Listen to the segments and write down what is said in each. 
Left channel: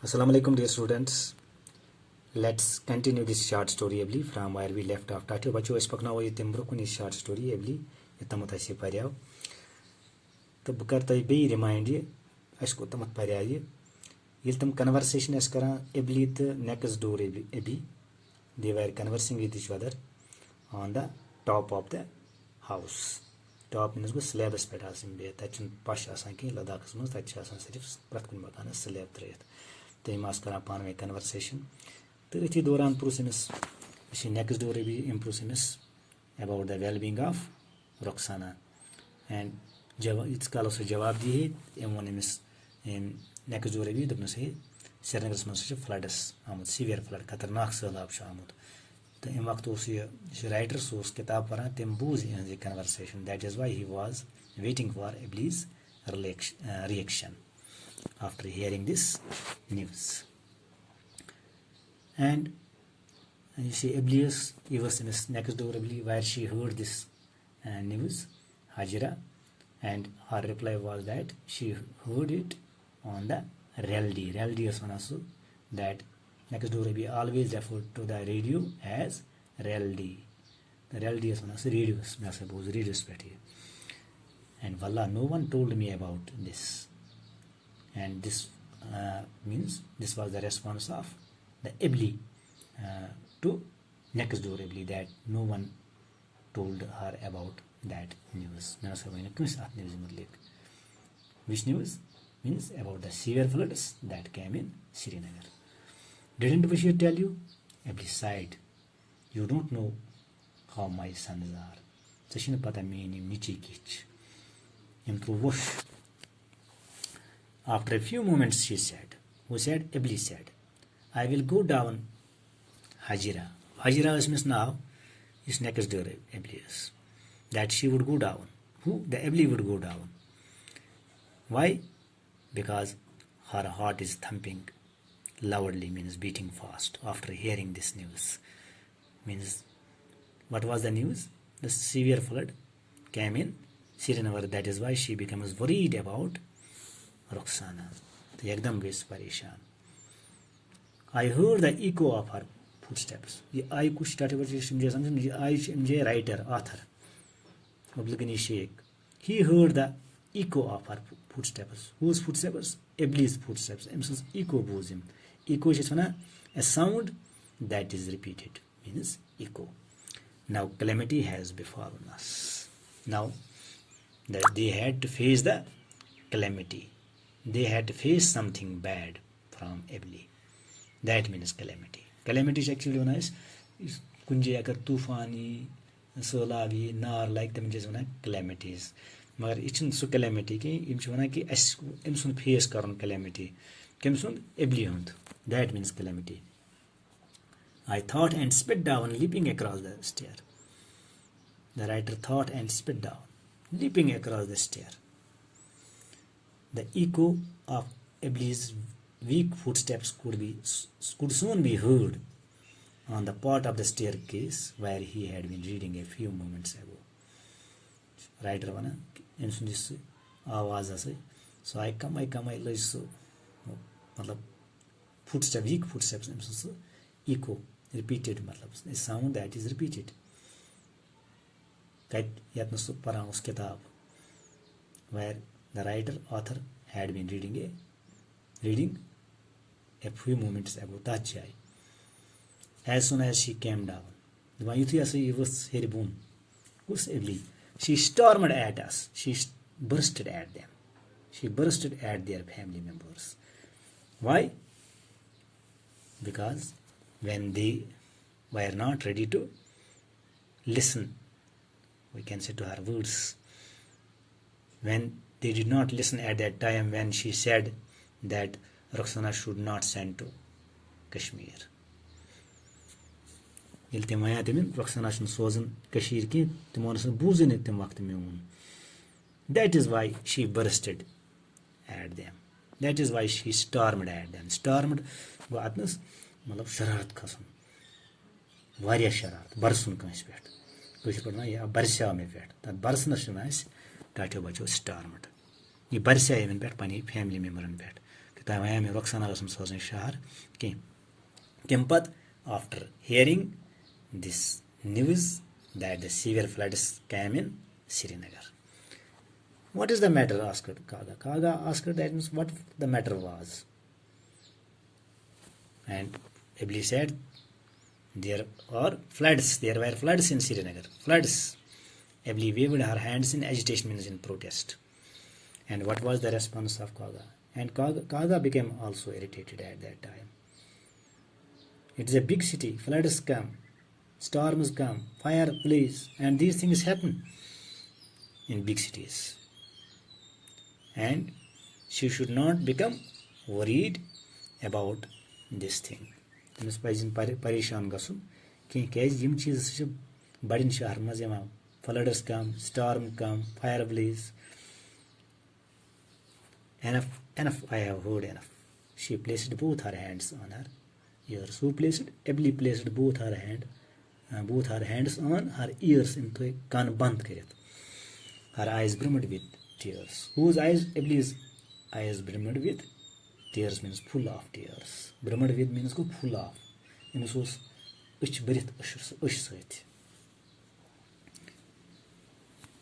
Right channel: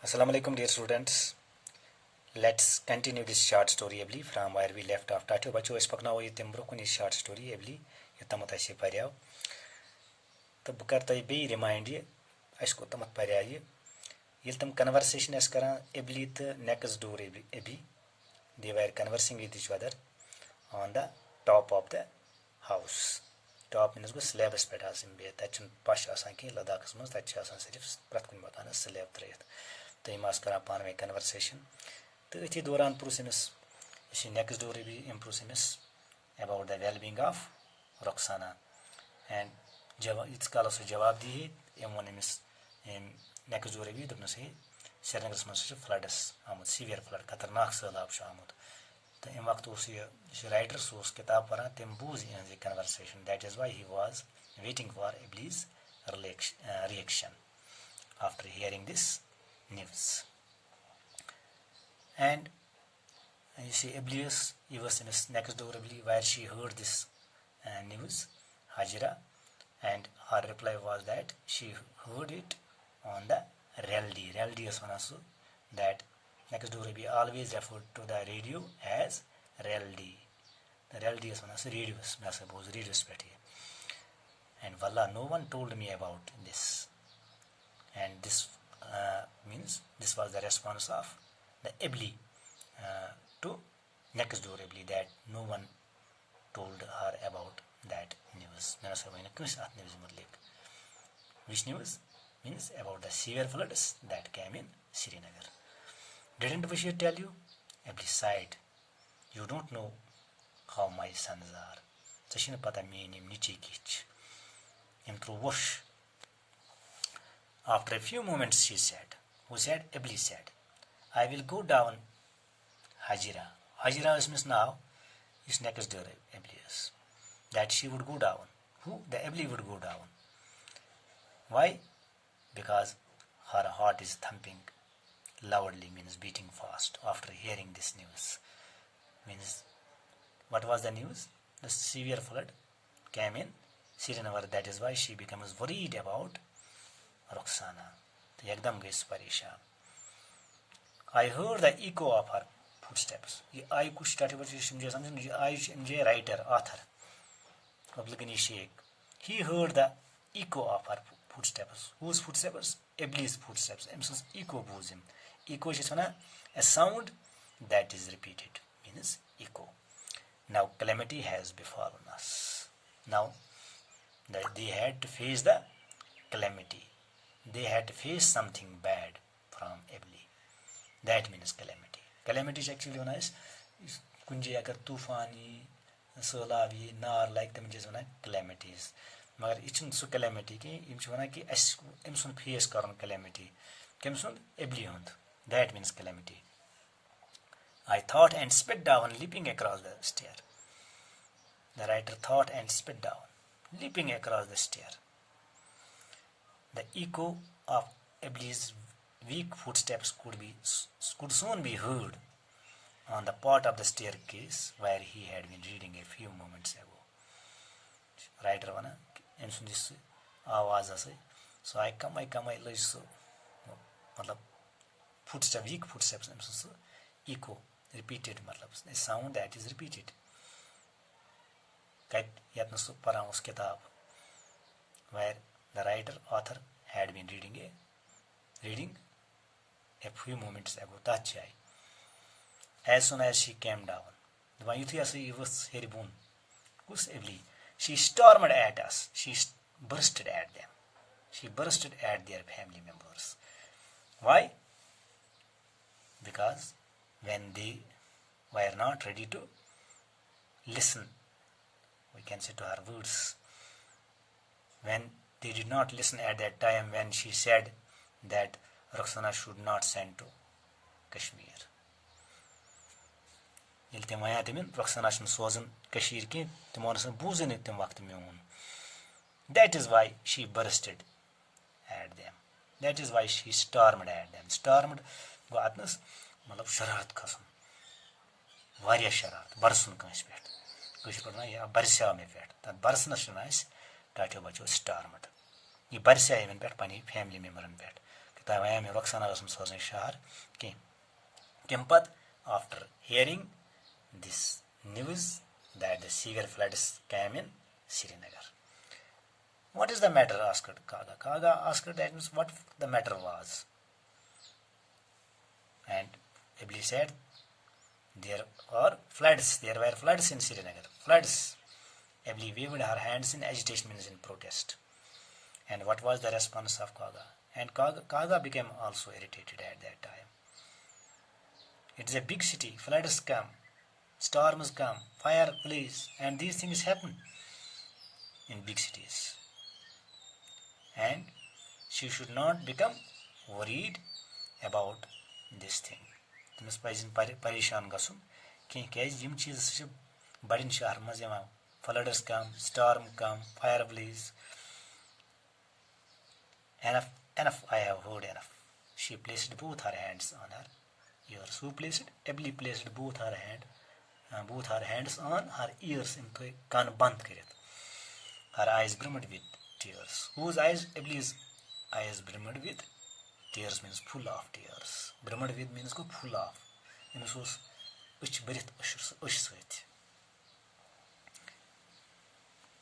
Assalamu alaikum dear students. Let's continue this short story Abhiley from where we left off. Tatio bacho es pakna wo yitem brokuni short story Abhiley yatamat se paryav. तो बह कर तुम बे remind ये अस गो तमत पर्या ये तम conversation us Karan ably to next door AB they were conversing with each other on the top of the house top means go slabs पे बे तम पश कह लद्दाख मज तक सिर्फ प्रत कुन मकान स्लैब त्रित तो यम करान पान वे कन्वर्सेशन तो अथी दौरान प्रूस अमिस नेक्स्ट डोर एबी एम प्रूस अमिस about the well being of Rukhsana and इत काल सह जवाब दी एम वो अमिस नेक्स्ट डोर एबी दोपनस श्रीनगर मज फ्लडस आमुत सीवियर फ्लड खतरनाक सैलाब आमुत तो अम वक्त राइटर सह किताब पढ़ान तम बूझ इहज conversation that is why he was waiting for Abley's reaction after hearing this news and you see Abhiley was in next door Abhiley where she heard this news Hajira and her reply was that she heard it on the Reldi is one also that next door Abhiley always referred to the radio as Reldi the Reldi is one also radios I suppose radios and Wallah no one told me about this and this means this was the response of the Abhiley to next door Abhiley that no one told her about that news. Which news? Means about the severe floods that came in Srinagar. Didn't we tell you? Abhiley sighed. You don't know how my sons are. Sashina pata meaning nichikich. Improve. After a few moments she said, who said? Abhiley said, I will go down Hajira. Hajira is now is next door Abhiley. That she would go down. Who? The Abhiley would go down. Why? Because her heart is thumping loudly, means beating fast after hearing this news. Means what was the news? The severe flood came in Srinagar. That is why she becomes worried about Rukhsana. तो एकदम गई परेशान. I heard the echo of her footsteps. ये आई कुछ मुझे समझ मुझे आई मुझे writer author Abhiley Sheikh. He heard the echo of her footsteps. Whose footsteps? Abhiley's footsteps. Emis's echo boos him. Echo is a sound that is repeated. Means echo. Now calamity has befallen us. Now they had to face the calamity. They had to face something bad from Abhiley. That means calamity. Calamity is actually known as kunje agar tufani, solavi, nar like them just calamities. But it's not so calamity ki imshwana ki imsun face karon calamity. Kimsun Abhiley hund. That means calamity. I thought and spit down, leaping across the stair. The writer thought and spit down, leaping across the stair. The echo of Abhiley's weak footsteps could soon be heard on the part of the staircase where he had been reading a few moments ago. Writer wana in this आवाज आसे so I come like so मतलब footsteps weak footsteps so echo repeated मतलब a sound that is repeated that yat no para us kitab where the writer author had been reading a few moments ago. As soon as she came down, the one was heribun. Abhiley. She stormed at us. She bursted at them. She bursted at their family members. Why? Because when they were not ready to listen, we can say to her words, when they did not listen at that time when she said that Rukhsana should not send to Kashmir. That is why she bursted at them. That is why she stormed at them. Stormed was shararat khasum. Variya shararat. Barsun kansh pet. Kush padna ya barsya me pet. That barsna shunais tatyo bacho stormed. ये बरसा even पेट पानी family member पेट तब वह में Roxana was in Shahar. Kimpat, after hearing this news that the severe floods came in Srinagar. What is the matter? Asked Kaga. Kaga asked that means what the matter was. And Abhiley said, there were floods in Srinagar. Floods. Abhiley waved her hands in agitation, means in protest. And what was the response of Kaga? And Kaga became also irritated at that time. It is a big city. Floods come, storms come, fire, police, and these things happen in big cities. And she should not become worried about this thing. परेशान गसुन कह यम चीज बड़न शहर मज floods come, storm come, fire blaze. Enough, I have heard enough. She placed both her hands on her ears. Who placed? Abhiley placed both her hands on her ears. Into kan band kirit. Her eyes brimmed with tears. Whose eyes? Abhiley's eyes brimmed with tears means full of tears. Brimmed with means go full of. Imus was uch berith ush soit.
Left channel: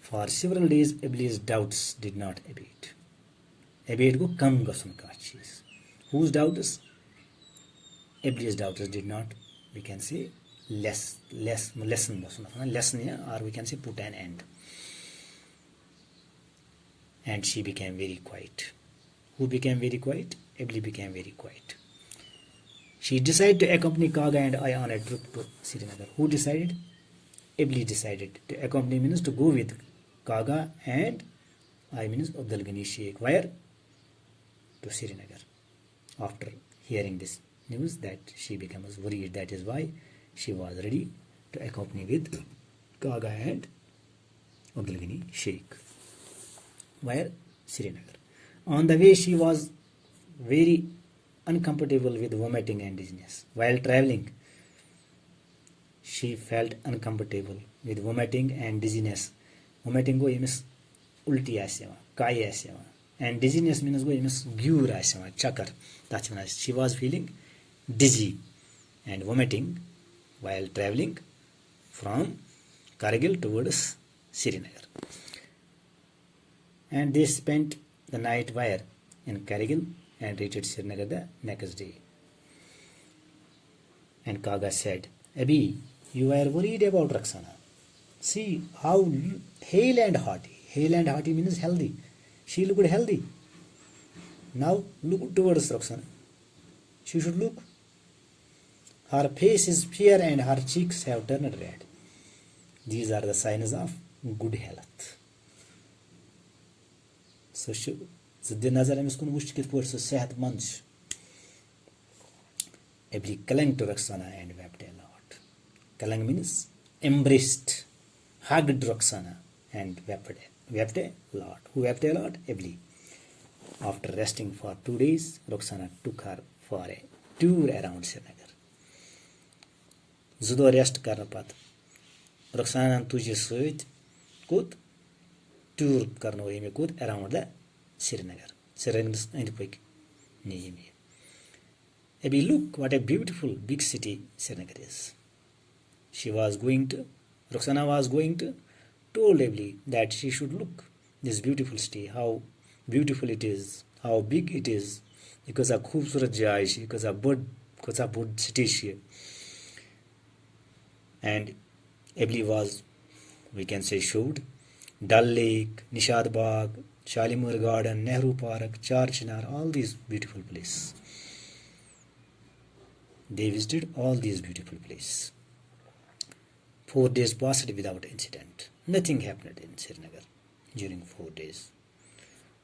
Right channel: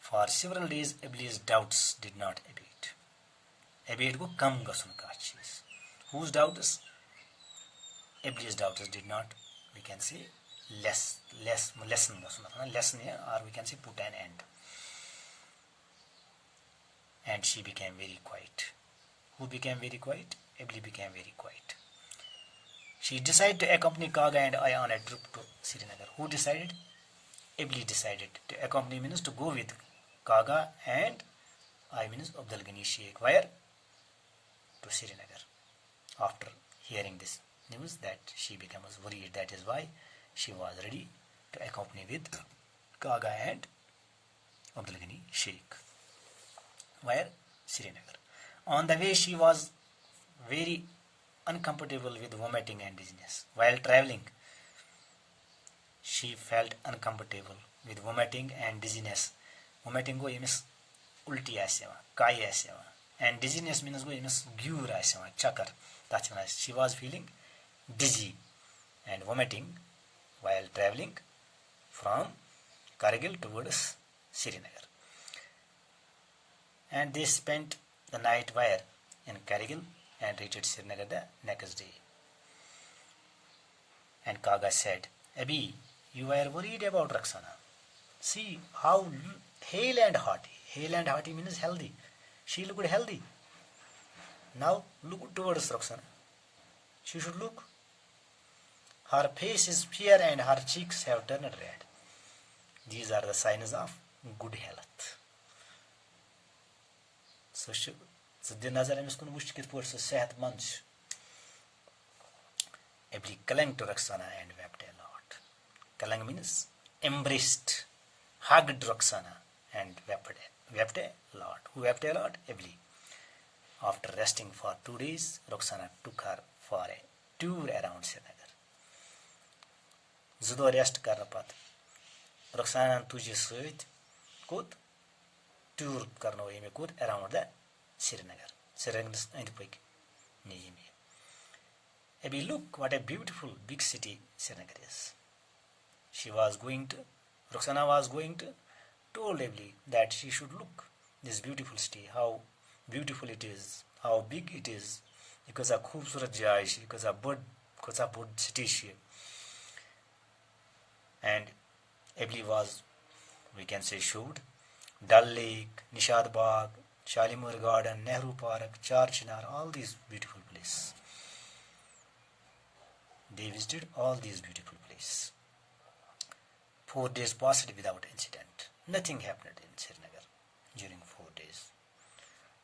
For several days, Abhiley's doubts did not abate. Abate go kam gasun ka cheez. Whose doubts? Abhiley's doubts did not, we can say, lessen or we can say put an end. And she became very quiet. Who became very quiet? Abhiley became very quiet. She decided to accompany Kaga and I on a trip to Srinagar. Who decided? Abhiley decided to accompany means to go with Kaga and I means Abdul Ghani Sheikh. Where? To Srinagar. After hearing this news that she becomes worried, that is why she was ready to accompany with Kaga and Abdul Ghani Sheikh. Where? Srinagar. On the way she was very uncomfortable with vomiting and dizziness. While traveling, she felt uncomfortable with vomiting and dizziness. Vomiting go means ulti asema, kai asema, and dizziness means go means gyur asema, chakar. That's when she was feeling dizzy and vomiting while traveling from Kargil towards Srinagar. And they spent the night where? In Kargil and reached Srinagar the next day. And Kaga said, Abhi, you are worried about Roxana. See how hale and hearty. Hale and hearty means healthy. She looked healthy. Now look towards Roxana. She should look. Her face is fair and her cheeks have turned red. These are the signs of good health. So the nazar amis kun wush kit por se sehat mand. Abhiley clung to Roxana and wept a lot. Clung means embraced, hugged Roxana and wept a lot. Who wept a lot? Abhiley. After resting for 2 days, Roxana took her for a tour around Srinagar. Zudo rest karna pat. Roxana tujhe sait kut tour karna hoye me kut around the Srinagar. Srinagar and pik niye me. Abhi, look what a beautiful big city Srinagar is. Roxana was going to told Abhiley that she should look this beautiful city, how beautiful it is, how big it is, because a खूबसूरत जगह है, because a big city है. And Abhiley was, we can say, showed Dal Lake, Nishad Bagh, Shalimar Garden, Nehru Park, Char Chinar, all these beautiful places. They visited all these beautiful places. 4 days passed without incident. Nothing happened in Srinagar during 4 days.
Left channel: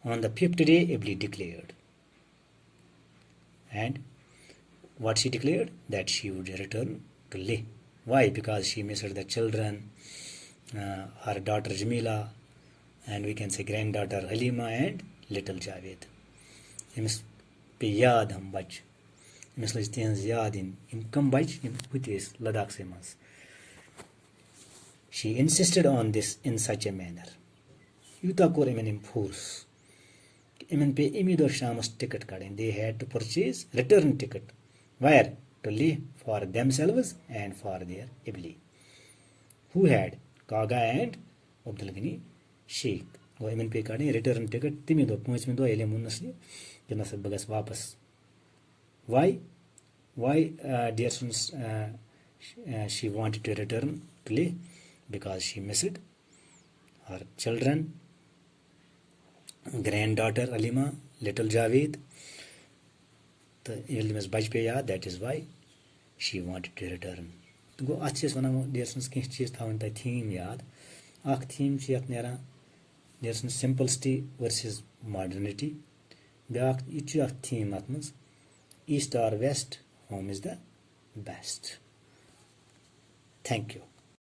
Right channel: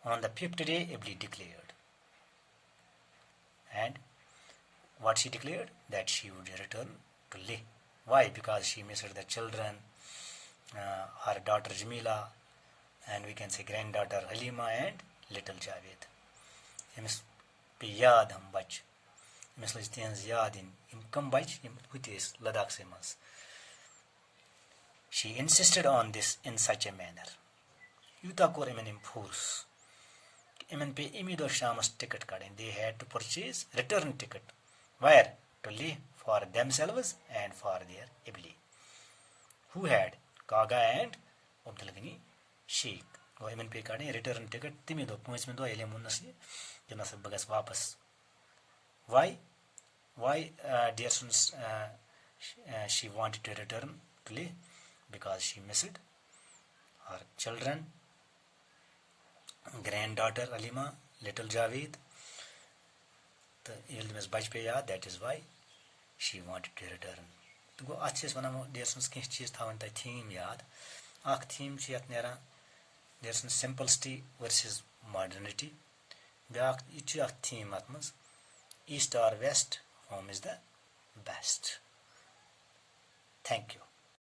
On the 5th day, Abhiley declared. And what she declared? That she would return to Leh. Why? Because she missed the children, her daughter Jamila, and we can say granddaughter Halima and little Javed. Imis pe yaad hum bach. Imis listens yaad in kam bach im hutis Ladakh se mas. She insisted on this in such a manner. Yuta kore menim force. इमन पे Emmy दो शामस ticket कड़ें. They had to purchase return ticket. Where? To live for themselves and for their Abhiley. Who had? Kaga and Abdulghani Sheikh. Go iman pe kade return ticket timi do points me do ele munnasni ke nasab bagas wapas. Why dear students, she wanted to return play? Because she missed her children, granddaughter Alima, little Javed, the ilmas bach pe yaad. That is why she wanted to return. तो गो अच्छे से वनामो dear students किस चीज़ थावन ता theme याद. आख theme ची यत नेरा dear students simplicity versus modernity. ब्याख इची आख theme आत्मस east or west, home is the best. Thank you.